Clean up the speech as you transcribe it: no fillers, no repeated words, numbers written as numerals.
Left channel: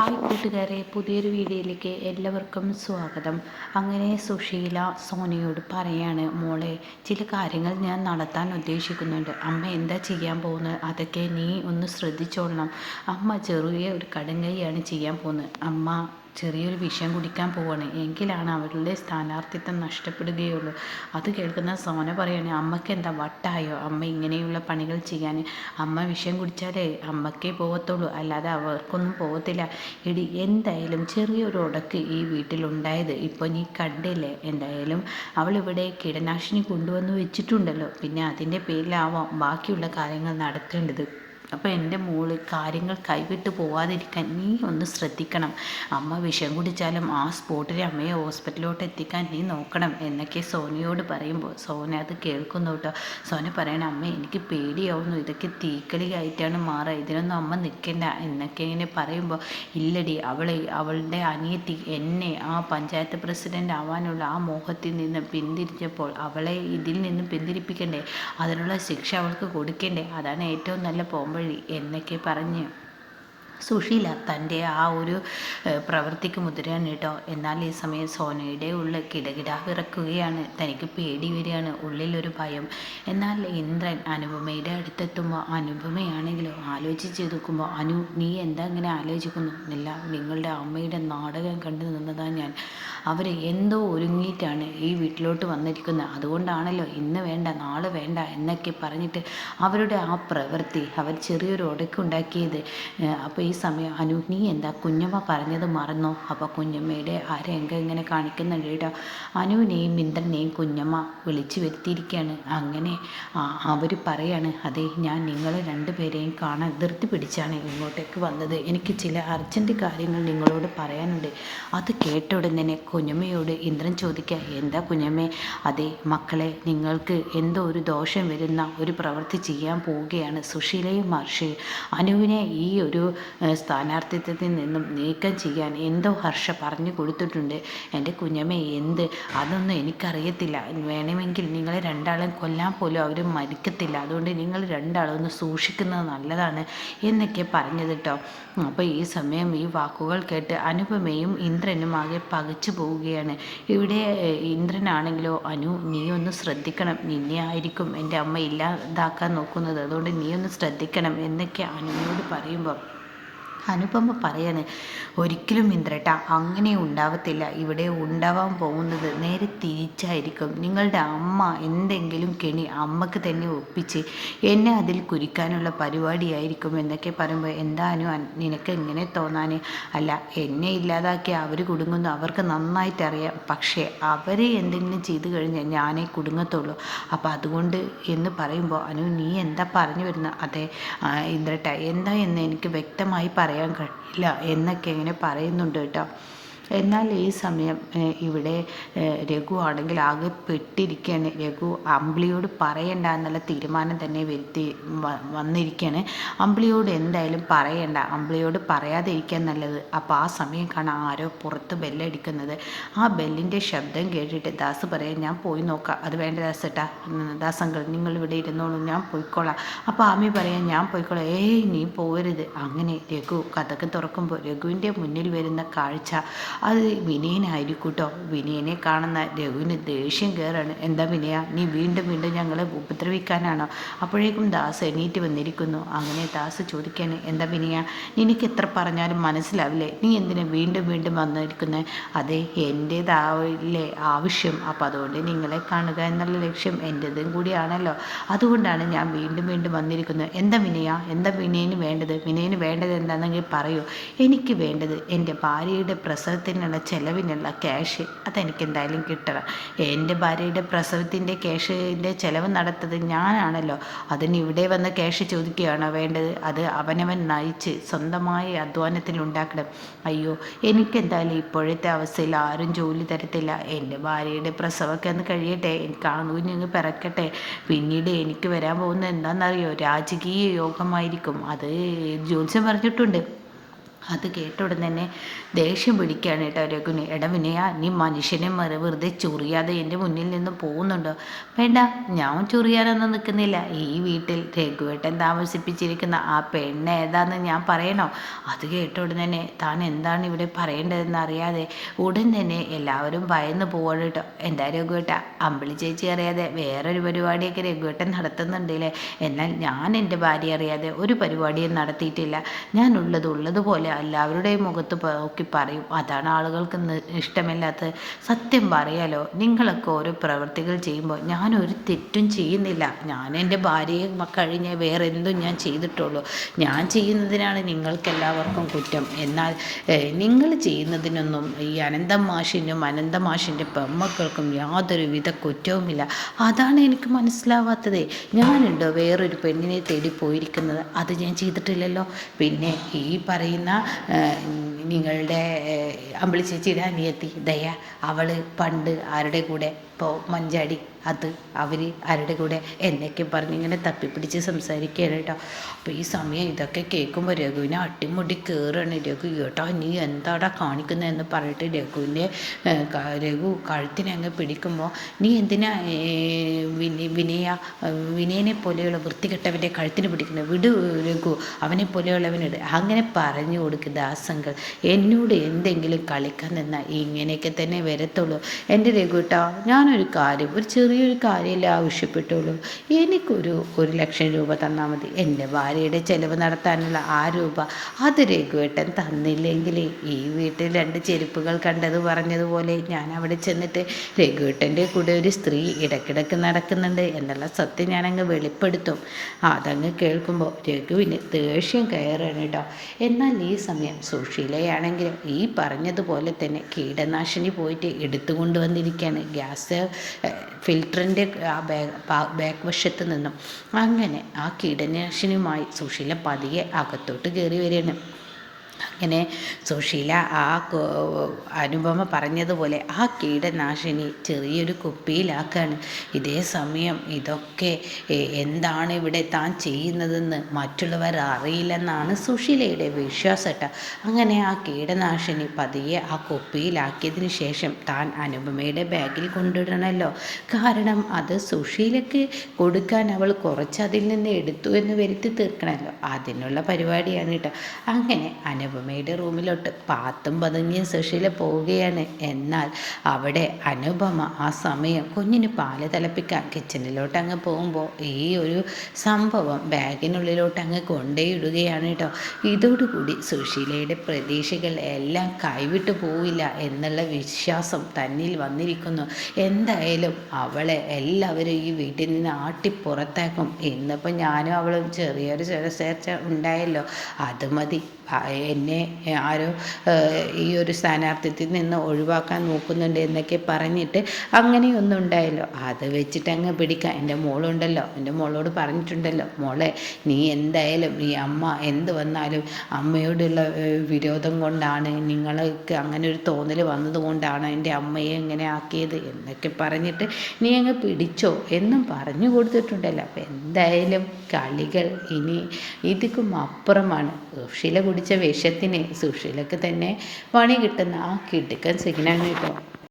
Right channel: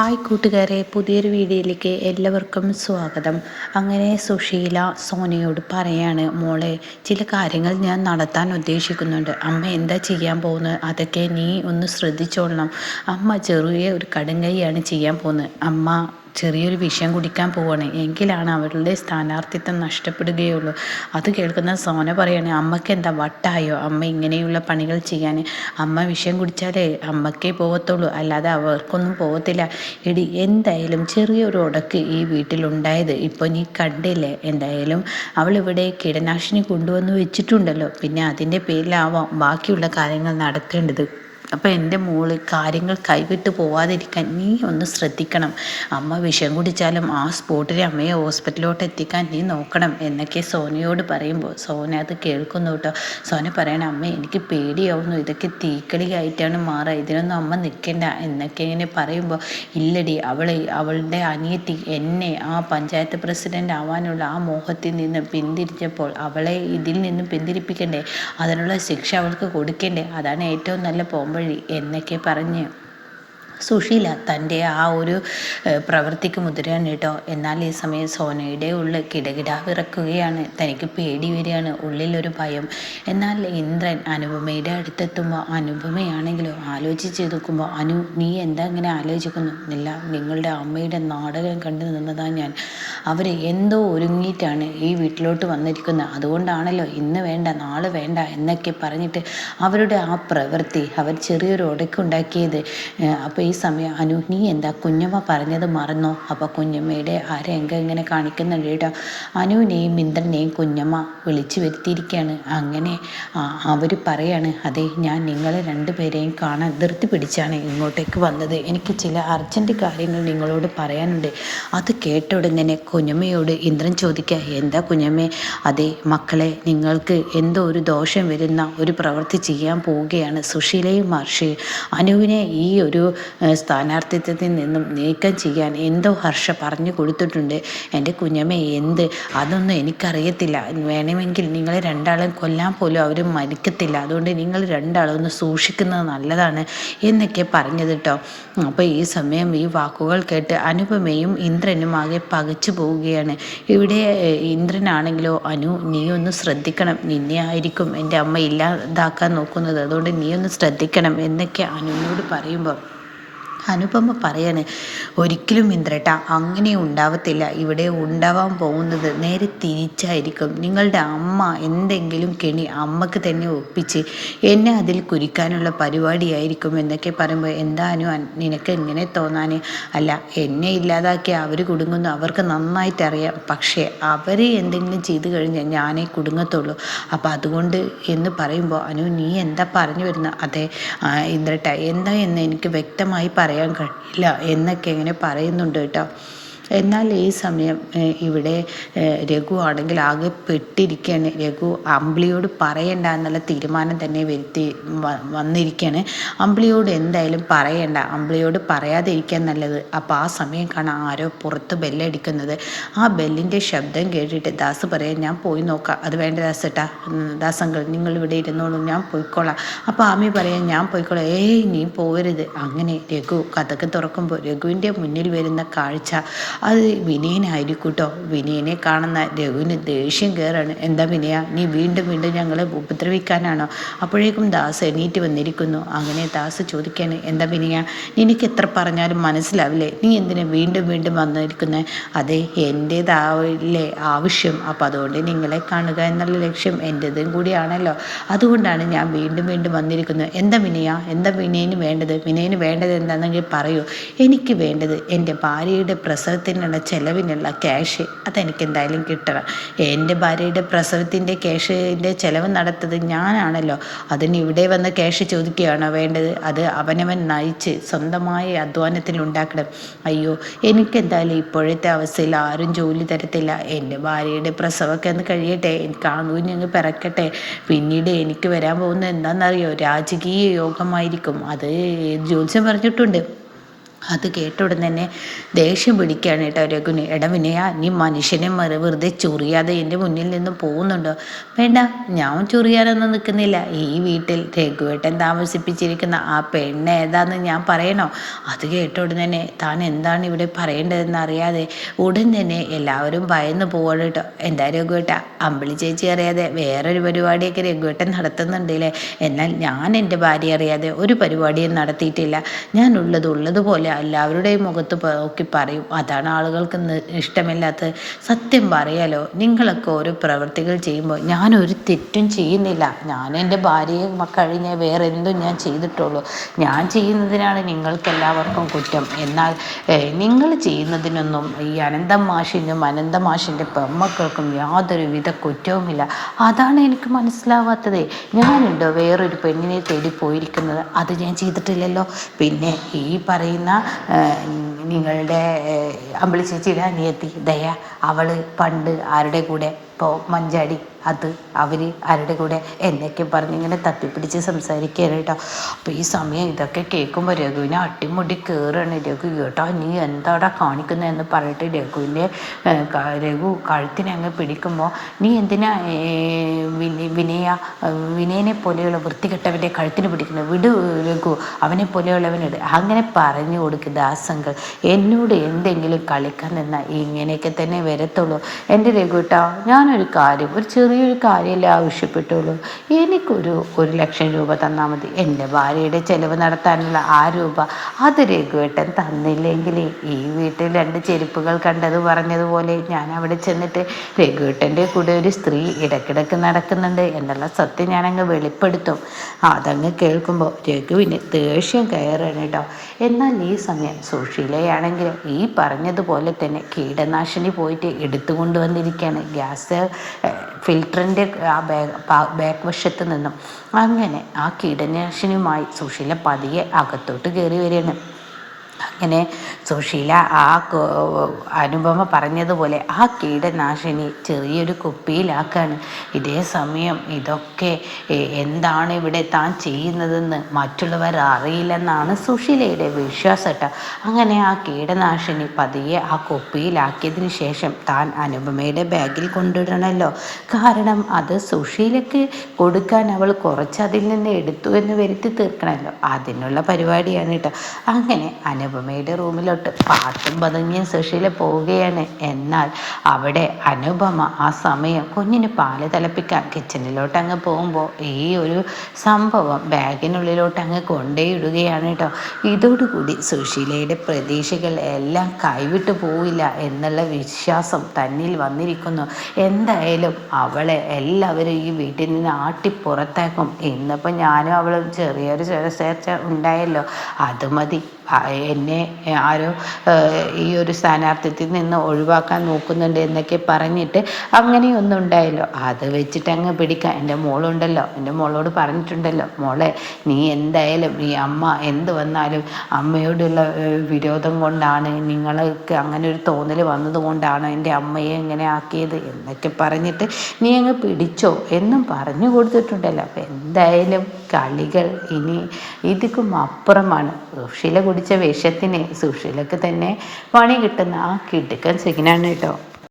Hi കൂട്ടുകാരെ, പുതിയൊരു വീഡിയോയിലേക്ക് എല്ലാവർക്കും സ്വാഗതം. അങ്ങനെ സുശീല സോനയോട് പറയാണ്, മോളെ ചില കാര്യങ്ങൾ ഞാൻ നടത്താൻ ഉദ്ദേശിക്കുന്നുണ്ട്. അമ്മ എന്താ ചെയ്യാൻ പോകുന്നത് അതൊക്കെ നീ ഒന്ന് ശ്രദ്ധിച്ചോളണം. അമ്മ ചെറിയ ഒരു കടുങ്കൈയാണ് ചെയ്യാൻ പോകുന്നത്. അമ്മ ചെറിയൊരു വിഷം കുടിക്കാൻ പോവാണ്, എങ്കിലാണ് അവരുടെ സ്ഥാനാർത്ഥിത്വം നഷ്ടപ്പെടുകയുള്ളൂ. അത് കേൾക്കുന്ന സോന പറയാണ്, അമ്മയ്ക്ക് എന്താ വട്ടായോ അമ്മ ഇങ്ങനെയുള്ള പണികൾ ചെയ്യാൻ? അമ്മ വിഷം കുടിച്ചാലേ അമ്മക്കേ പോകത്തുള്ളൂ, അല്ലാതെ അവർക്കൊന്നും പോകത്തില്ല. എടി, എന്തായാലും ചെറിയൊരു ഉടക്ക് ഈ വീട്ടിലുണ്ടായത് ഇപ്പോൾ നീ കണ്ടില്ലേ. എന്തായാലും അവളിവിടെ കീടനാശിനി കൊണ്ടുവന്ന് വെച്ചിട്ടുണ്ടല്ലോ, പിന്നെ അതിൻ്റെ പേരിലാവാം ബാക്കിയുള്ള കാര്യങ്ങൾ നടത്തേണ്ടത്. അപ്പോൾ എൻ്റെ മോള് കാര്യങ്ങൾ കൈവിട്ട് പോവാതിരിക്കാൻ നീ ഒന്ന് ശ്രദ്ധിക്കണം. അമ്മ വിഷം കുടിച്ചാലും ആ സ്പോട്ടിൽ അമ്മയെ ഹോസ്പിറ്റലിലോട്ട് എത്തിക്കാൻ നീ നോക്കണം എന്നൊക്കെ സോനയോട് പറയുമ്പോൾ സോന അത് കേൾക്കുന്നു കേട്ടോ. സോന പറയണം, അമ്മ എനിക്ക് പേടിയാവുന്നു, ഇതൊക്കെ തീക്കളിയായിട്ടാണ് മാറുക, ഇതിനൊന്നും അമ്മ നിൽക്കണ്ട എന്നൊക്കെ ഇങ്ങനെ പറയുമ്പോൾ, ഇല്ലടി, അവളുടെ അനിയത്തി എന്നെ ആ പഞ്ചായത്ത് പ്രസിഡൻ്റ് ആവാനുള്ള ആ മോഹത്തിൽ നിന്ന് പിന്തിരിച്ചപ്പോൾ അവളെ ഇതിൽ നിന്ന് പിന്തിരിപ്പിക്കണ്ടേ, അതിനുള്ള ശിക്ഷ അവൾക്ക് കൊടുക്കണ്ടേ, അതാണ് ഏറ്റവും നല്ല പോംവഴി എന്നൊക്കെ പറഞ്ഞ് സുശീല തൻ്റെ ആ ഒരു പ്രവൃത്തിക്ക് മുതിരാണ് കേട്ടോ. എന്നാൽ ഈ സമയം സോനയുടെ ഉള്ളിൽ കിടകിട വിറക്കുകയാണ്, തനിക്ക് പേടി വരികയാണ്, ഉള്ളിലൊരു ഭയം. എന്നാൽ ഇന്ദ്രൻ അനുപമയുടെ അടുത്തെത്തുമ്പോൾ അനുപമയാണെങ്കിലോ ആലോചിച്ച് നോക്കുമ്പോൾ, നീ എന്താ ഇങ്ങനെ ആലോചിക്കുന്നു? ഇല്ല, നിങ്ങളുടെ അമ്മയുടെ നാടകം കണ്ടു നിന്നതാണ് ഞാൻ. അവർ എന്തോ ഒരുങ്ങിയിട്ടാണ് ഈ വീട്ടിലോട്ട് വന്നിരിക്കുന്നത്, അതുകൊണ്ടാണല്ലോ ഇന്ന് വേണ്ട നാളെ വേണ്ട എന്നൊക്കെ പറഞ്ഞിട്ട് അവരുടെ ആ പ്രവൃത്തി അവർ ചെറിയൊരു ഉടക്കുണ്ടാക്കിയത്. അപ്പോൾ ഈ സമയം നീ എന്താ കുഞ്ഞമ്മ പറഞ്ഞത് മറന്നോ? അപ്പോൾ കുഞ്ഞമ്മയുടെ ആ രംഗം ഇങ്ങനെ കാണിക്കുന്നുണ്ട് കേട്ടോ. അനുവിനെയും ഇന്ദ്രനെയും കുഞ്ഞമ്മ വിളിച്ചു വരുത്തിയിരിക്കുകയാണ്. അങ്ങനെ അവർ പറയാണ്, അതെ, ഞാൻ നിങ്ങളെ രണ്ടുപേരെയും കാണാൻ ധൃതി പിടിച്ചാണ് ഇങ്ങോട്ടേക്ക് വന്നത്, എനിക്ക് ചില അർജൻറ്റ് കാര്യങ്ങൾ നിങ്ങളോട് പറയാനുണ്ട്. അത് കേട്ട ഉടനെ കുഞ്ഞമ്മയോട് ഇന്ദ്രൻ ചോദിക്കുക, എന്താ കുഞ്ഞമ്മേ? അതെ മക്കളെ, നിങ്ങൾക്ക് എന്തോ ഒരു ദോഷം വരുന്ന ഒരു പ്രവൃത്തി ചെയ്യാൻ പോവുകയാണ്. സുശീലയും മഹർഷി അനുവിനെ ഈ ഒരു സ്ഥാനാർത്ഥിത്വത്തിൽ നിന്നും നീക്കം ചെയ്യാൻ എന്തോ ഹർഷ പറഞ്ഞു കൊടുത്തിട്ടുണ്ട്. എൻ്റെ കുഞ്ഞമ്മ, എന്ത്? അതൊന്നും എനിക്കറിയത്തില്ല. വേണമെങ്കിൽ നിങ്ങൾ രണ്ടാളും കൊല്ലാൻ പോലും അവർ മരിക്കത്തില്ല, അതുകൊണ്ട് നിങ്ങൾ രണ്ടാളും ഒന്ന് സൂക്ഷിക്കുന്നത് നല്ലതാണ് എന്നൊക്കെ പറഞ്ഞത് കേട്ടോ. അപ്പോൾ ഈ സമയം ഈ വാക്കുകൾ കേട്ട് അനുപമയും ഇന്ദ്രനും ആകെ പകച്ചു പോവുകയാണ്. ഇവിടെ ഇന്ദ്രനാണെങ്കിലോ, നീ ഒന്ന് ശ്രദ്ധിക്കണം, നിന്നെ ആയിരിക്കും എൻ്റെ അമ്മ ഇല്ലാതാക്കാൻ നോക്കുന്നത്, അതുകൊണ്ട് നീ ഒന്ന് ശ്രദ്ധിക്കണം എന്നൊക്കെ അനുവിനോട് പറയുമ്പോൾ അനുപമ പറയാണ്, ഒരിക്കലും ഇന്ദ്രേട്ട അങ്ങനെ ഉണ്ടാവത്തില്ല, ഇവിടെ ഉണ്ടാവാൻ പോകുന്നത് നേരെ തിരിച്ചായിരിക്കും. നിങ്ങളുടെ അമ്മ എന്തെങ്കിലും കെണി അമ്മക്ക് തന്നെ ഒപ്പിച്ച് എന്നെ അതിൽ കുരിക്കാനുള്ള പരിപാടിയായിരിക്കും എന്നൊക്കെ പറയുമ്പോൾ, എന്താ നിനക്ക് ഇങ്ങനെ തോന്നാൻ? അല്ല, എന്നെ ഇല്ലാതാക്കി അവർ കുടുങ്ങുന്നു അവർക്ക് നന്നായിട്ട് അറിയാം, പക്ഷേ അവർ എന്തെങ്കിലും ചെയ്തു കഴിഞ്ഞാൽ ഞാനേ കുടുങ്ങത്തുള്ളൂ. അപ്പോൾ അതുകൊണ്ട് എന്ന് പറയുമ്പോൾ, നീ എന്താ പറഞ്ഞു വരുന്നത്? അതെ ഇന്ദ്രേട്ട, എന്താ എന്ന് എനിക്ക് വ്യക്തമായി പറയാൻ കഴിയില്ല എന്നൊക്കെ ഇങ്ങനെ പറയുന്നുണ്ട് കേട്ടോ. എന്നാൽ ഈ സമയം ഇവിടെ രഘു ആണെങ്കിൽ ആകെ പെട്ടിരിക്കുകയാണ്. രഘു അമ്പിളിയോട് പറയണ്ട എന്നുള്ള തീരുമാനം തന്നെ വന്നിരിക്കുകയാണ്. അമ്പിളിയോട് എന്തായാലും പറയണ്ട, അമ്പിളിയോട് പറയാതിരിക്കാൻ നല്ലത്. അപ്പോൾ ആ സമയം കാണാൻ ആരോ പുറത്ത് ബെല്ലടിക്കുന്നത്. ആ ബെല്ലിൻ്റെ ശബ്ദം കേട്ടിട്ട് ദാസ് പറയാം, ഞാൻ പോയി നോക്കാം. അത് വേണ്ട ദാസേട്ടാ, ദാസങ്കൾ നിങ്ങൾ ഇവിടെ ഇരുന്നോളൂ, ഞാൻ പോയിക്കോളാം. അപ്പോൾ ആമി പറയാം, ഞാൻ പോയിക്കോളാം. നീ പോകരുത്. അങ്ങനെ രഘു കഥക്ക് തുറക്കുമ്പോൾ രഘുവിൻ്റെ മുന്നിൽ വരുന്ന കാഴ്ച അത് വിനയനായിരിക്കും കേട്ടോ. വിനയനെ കാണുന്ന രഘുവിന് ദേഷ്യം കയറാണ്. എന്താ വിനയ, നീ വീണ്ടും വീണ്ടും ഞങ്ങളെ ഉപദ്രവിക്കാനാണോ? അപ്പോഴേക്കും ദാസ് എണീറ്റ് വന്നിരിക്കുന്നു. അങ്ങനെ ദാസ് ചോദിക്കാണ്, എന്താ വിനയ, നിനക്ക് എത്ര പറഞ്ഞാലും മനസ്സിലാവില്ലേ, നീ എന്തിനാ വീണ്ടും വീണ്ടും വന്നിരിക്കുന്നത്? അതെ, എൻ്റേതാവില്ലേ ആവശ്യം, അപ്പം അതുകൊണ്ട് നിങ്ങളെ കാണുക എന്നുള്ള ലക്ഷ്യം എൻ്റേതും കൂടിയാണല്ലോ, അതുകൊണ്ടാണ് ഞാൻ വീണ്ടും വീണ്ടും വന്നിരിക്കുന്നത്. എന്താ വിനയ, എന്താ വിനയന് വേണ്ടത്? വിനയന് വേണ്ടത് എന്താണെന്നെങ്കിൽ പറയൂ. എനിക്ക് വേണ്ടത് എൻ്റെ ഭാര്യയുടെ പ്രസവത്തിനുള്ള ചിലവിനുള്ള ക്യാഷ്, അതെനിക്ക് എന്തായാലും കിട്ടണം. എൻ്റെ ഭാര്യയുടെ പ്രസവത്തിൻ്റെ ക്യാഷിൻ്റെ ചിലവ് നടത്തുന്നത് ഞാനാണല്ലോ, അതിന് ഇവിടെ വന്ന് ക്യാഷ് ചോദിക്കുകയാണോ വേണ്ടത്? അത് അവനവൻ നയിച്ച് സ്വന്തമായ അധ്വാനത്തിൽ ഉണ്ടാക്കണം. അയ്യോ, എനിക്കെന്തായാലും ഇപ്പോഴത്തെ അവസ്ഥയിൽ ആരും ജോലി തരത്തില്ല. എൻ്റെ ഭാര്യയുടെ പ്രസവമൊക്കെ ഒന്ന് കഴിയട്ടെ, എനിക്ക് ആൺകുഞ്ഞങ്ങ് പിറക്കട്ടെ, പിന്നീട് എനിക്ക് വരാൻ പോകുന്നത് എന്താണെന്നറിയോ? രാജകീയ യോഗമായിരിക്കും. അത് ജ്യോത്സ്യം പറഞ്ഞിട്ടുണ്ട്. അത് കേട്ട ഉടൻ തന്നെ ദേഷ്യം പിടിക്കുകയാണ് കേട്ടോ രഘുവിന്. എടാ വിനയ, നീ മനുഷ്യനെ വെറുതെ ചൊറിയാതെ എൻ്റെ മുന്നിൽ നിന്ന് പോകുന്നുണ്ടോ? വേണ്ട, ഞാൻ ചൊറിയാനൊന്നും നിൽക്കുന്നില്ല. ഈ വീട്ടിൽ രഘുവേട്ടൻ താമസിപ്പിച്ചിരിക്കുന്ന ആ പെണ്ണ് ഏതാന്ന് ഞാൻ പറയണോ? അത് കേട്ട ഉടൻ തന്നെ താൻ എന്താണ് ഇവിടെ പറയേണ്ടതെന്ന് അറിയാതെ ഉടൻ തന്നെ എല്ലാവരും ഭയന്ന് പോവാണ് കേട്ടോ. എന്താ രഘുവേട്ട, അമ്പിളി ചേച്ചി അറിയാതെ വേറൊരു പരിപാടിയൊക്കെ രഘുവേട്ടൻ നടത്തുന്നുണ്ടല്ലേ? എന്നാൽ ഞാൻ എൻ്റെ ഭാര്യ അറിയാതെ ഒരു പരിപാടിയും നടത്തിയിട്ടില്ല. ഞാൻ ഉള്ളതുപോലെ എല്ലാവരുടെയും മുഖത്ത് നോക്കി പറയും. അതാണ് ആളുകൾക്ക് ഇഷ്ടമില്ലാത്തത്. സത്യം പറയാലോ, നിങ്ങളൊക്കെ ഓരോ പ്രവർത്തികൾ ചെയ്യുമ്പോൾ ഞാനൊരു തെറ്റും ചെയ്യുന്നില്ല. ഞാൻ എൻ്റെ ഭാര്യയെ കഴിഞ്ഞ് വേറെ എന്തും ഞാൻ ചെയ്തിട്ടുള്ളൂ. ഞാൻ ചെയ്യുന്നതിനാണ് നിങ്ങൾക്കെല്ലാവർക്കും കുറ്റം. എന്നാൽ നിങ്ങൾ ചെയ്യുന്നതിനൊന്നും ഈ അനന്ത മാഷിൻ്റെ പെമ്മക്കൾക്കും യാതൊരുവിധ കുറ്റവുമില്ല. അതാണ് എനിക്ക് മനസ്സിലാവാത്തത്. ഞാനുണ്ടോ വേറൊരു പെണ്ണിനെ തേടി പോയിരിക്കുന്നത്? അത് ഞാൻ ചെയ്തിട്ടില്ലല്ലോ. പിന്നെ ഈ പറയുന്ന നിങ്ങളുടെ അമ്പിളി ചേച്ചിയുടെ അനിയത്തി ദയ, അവൾ പണ്ട് ആരുടെ കൂടെ ഇപ്പോൾ മഞ്ചാടി, അത് അവർ ആരുടെ കൂടെ എന്നൊക്കെ പറഞ്ഞ് ഇങ്ങനെ തപ്പിപ്പിടിച്ച് സംസാരിക്കുകയാണ് കേട്ടോ. അപ്പോൾ ഈ സമയം ഇതൊക്കെ കേൾക്കുമ്പോൾ രഘുവിനെ അട്ടിമുടി കയറുകയാണ്. രഘു, കേട്ടോ നീ എന്താടാ കാണിക്കുന്നതെന്ന് പറഞ്ഞിട്ട് രഘു കഴുത്തിനെ അങ്ങ് പിടിക്കുമ്പോൾ, നീ എന്തിനാ വിനയനെ പോലെയുള്ള വൃത്തികെട്ടവൻ്റെ കഴുത്തിന് പിടിക്കുന്നത്? വിടു രഘു, അവനെ പോലെയുള്ളവനിട്. അങ്ങനെ പറഞ്ഞു കൊടുക്കുക ദാസങ്ങൾ. എന്നോട് എന്തെങ്കിലും കളിക്കാൻ നിന്നാൽ ഇങ്ങനെയൊക്കെ തന്നെ വരത്തുള്ളൂ. എൻ്റെ രഘുട്ടാ, ഞാനൊരു കാര്യം, ഒരു ചെറിയൊരു കാര്യമല്ലേ ആവശ്യപ്പെട്ടുള്ളൂ. എനിക്കൊരു 1,00,000 രൂപ തന്നാൽ മതി. എൻ്റെ ഭാര്യയുടെ ചിലവ് നടത്താനുള്ള ആ രൂപ അത് രഘുവേട്ടൻ തന്നില്ലെങ്കിൽ ഈ വീട്ടിൽ 2 ചെരുപ്പുകൾ കണ്ടത് പറഞ്ഞതുപോലെ ഞാൻ അവിടെ ചെന്നിട്ട് രഘുവേട്ടൻ്റെ കൂടെ ഒരു സ്ത്രീ ഇടയ്ക്കിടയ്ക്ക് നടക്കുന്നുണ്ട് എന്നുള്ള സത്യം ഞാനങ്ങ് വെളിപ്പെടുത്തും. അതങ്ങ് കേൾക്കുമ്പോൾ രഘുവിന് ദേഷ്യം കയറാണ് കേട്ടോ. എന്നാൽ ഈ സമയം സുശീലയാണെങ്കിലും ഈ പറഞ്ഞതുപോലെ തന്നെ കീടനാശിനി പോയിട്ട് എടുത്തുകൊണ്ട് വന്നിരിക്കുകയാണ് ഗ്യാസ് ഫിൽറ്ററിൻ്റെ ആ ബാക്ക് വശത്ത് നിന്നും. അങ്ങനെ ആ കീടനാശിനിയുമായി സുശീല പതിയെ അകത്തോട്ട് കയറി വരികയാണ്. അങ്ങനെ സുശീല ആ അനുപമ പറഞ്ഞതുപോലെ ആ കീടനാശിനി ചെറിയൊരു കുപ്പിയിലാക്കാണ്. ഇതേ സമയം ഇതൊക്കെ എന്താണ് ഇവിടെ താൻ ചെയ്യുന്നതെന്ന് മറ്റുള്ളവർ അറിയില്ലെന്നാണ് സുശീലയുടെ വിശ്വാസം കേട്ടോ. അങ്ങനെ ആ കീടനാശിനി പതിയെ ആ കുപ്പിയിലാക്കിയതിന് ശേഷം താൻ അനുപമയുടെ ബാഗിൽ കൊണ്ടിടണമല്ലോ. കാരണം അത് സുശീലയ്ക്ക് കൊടുക്കാൻ അവൾ കുറച്ച് അതിൽ നിന്ന് എടുത്തു എന്ന് വരുത്തി തീർക്കണമല്ലോ. അതിനുള്ള പരിപാടിയാണ് കേട്ടോ. അങ്ങനെ അനുപമയുടെ റൂമിലോട്ട് പാത്തും പതുങ്ങിയും സുശീല പോവുകയാണ്. എന്നാൽ അവിടെ അനുപമ ആ സമയം കുഞ്ഞിന് പാല് തിളപ്പിക്കാൻ കിച്ചണിലോട്ട് അങ്ങ് പോകുമ്പോൾ ഈ ഒരു സംഭവം ബാഗിനുള്ളിലോട്ട് അങ്ങ് കൊണ്ടേയിടുകയാണ് കേട്ടോ. ഇതോടുകൂടി സുശീലയുടെ പ്രതീക്ഷകൾ എല്ലാം കൈവിട്ടു പോവില്ല എന്നുള്ള വിശ്വാസം തന്നിൽ വന്നിരിക്കുന്നു. എന്തായാലും അവളെ എല്ലാവരും ഈ വീട്ടിൽ നിന്ന് ആട്ടിപ്പുറത്താക്കും. ഇന്നിപ്പോൾ ഞാനും അവളും ചെറിയൊരു ചേർച്ച ഉണ്ടായല്ലോ, അത് മതി. എന്നെ ആരോ ഈ ഒരു സ്ഥാനാർത്ഥിത്തിൽ നിന്ന് ഒഴിവാക്കാൻ നോക്കുന്നുണ്ട് എന്നൊക്കെ പറഞ്ഞിട്ട് അങ്ങനെയൊന്നും ഉണ്ടായല്ലോ. അത് വെച്ചിട്ട് അങ്ങ് പിടിക്കാം. എൻ്റെ മോളുണ്ടല്ലോ, എൻ്റെ മോളോട് പറഞ്ഞിട്ടുണ്ടല്ലോ, മോളെ നീ എന്തായാലും ഈ അമ്മ എന്ത് വന്നാലും അമ്മയോടുള്ള വിരോധം കൊണ്ടാണ്, നിങ്ങൾക്ക് അങ്ങനെ ഒരു തോന്നൽ വന്നതുകൊണ്ടാണ് എൻ്റെ അമ്മയെ ഇങ്ങനെ ആക്കിയത് എന്നൊക്കെ പറഞ്ഞിട്ട് നീ അങ്ങ് പിടിച്ചോ എന്നും പറഞ്ഞു കൊടുത്തിട്ടുണ്ടല്ലോ. അപ്പം എന്തായാലും കളികൾ ഇനി ഇതിക്കും അപ്പുറമാണ്. സുശീല കുടിച്ച വിഷത്തിന് സുശീലക്ക് തന്നെ പണി കിട്ടുന്ന ആ കിടുക്കൻ സിഗ്നാണ് കേട്ടോ.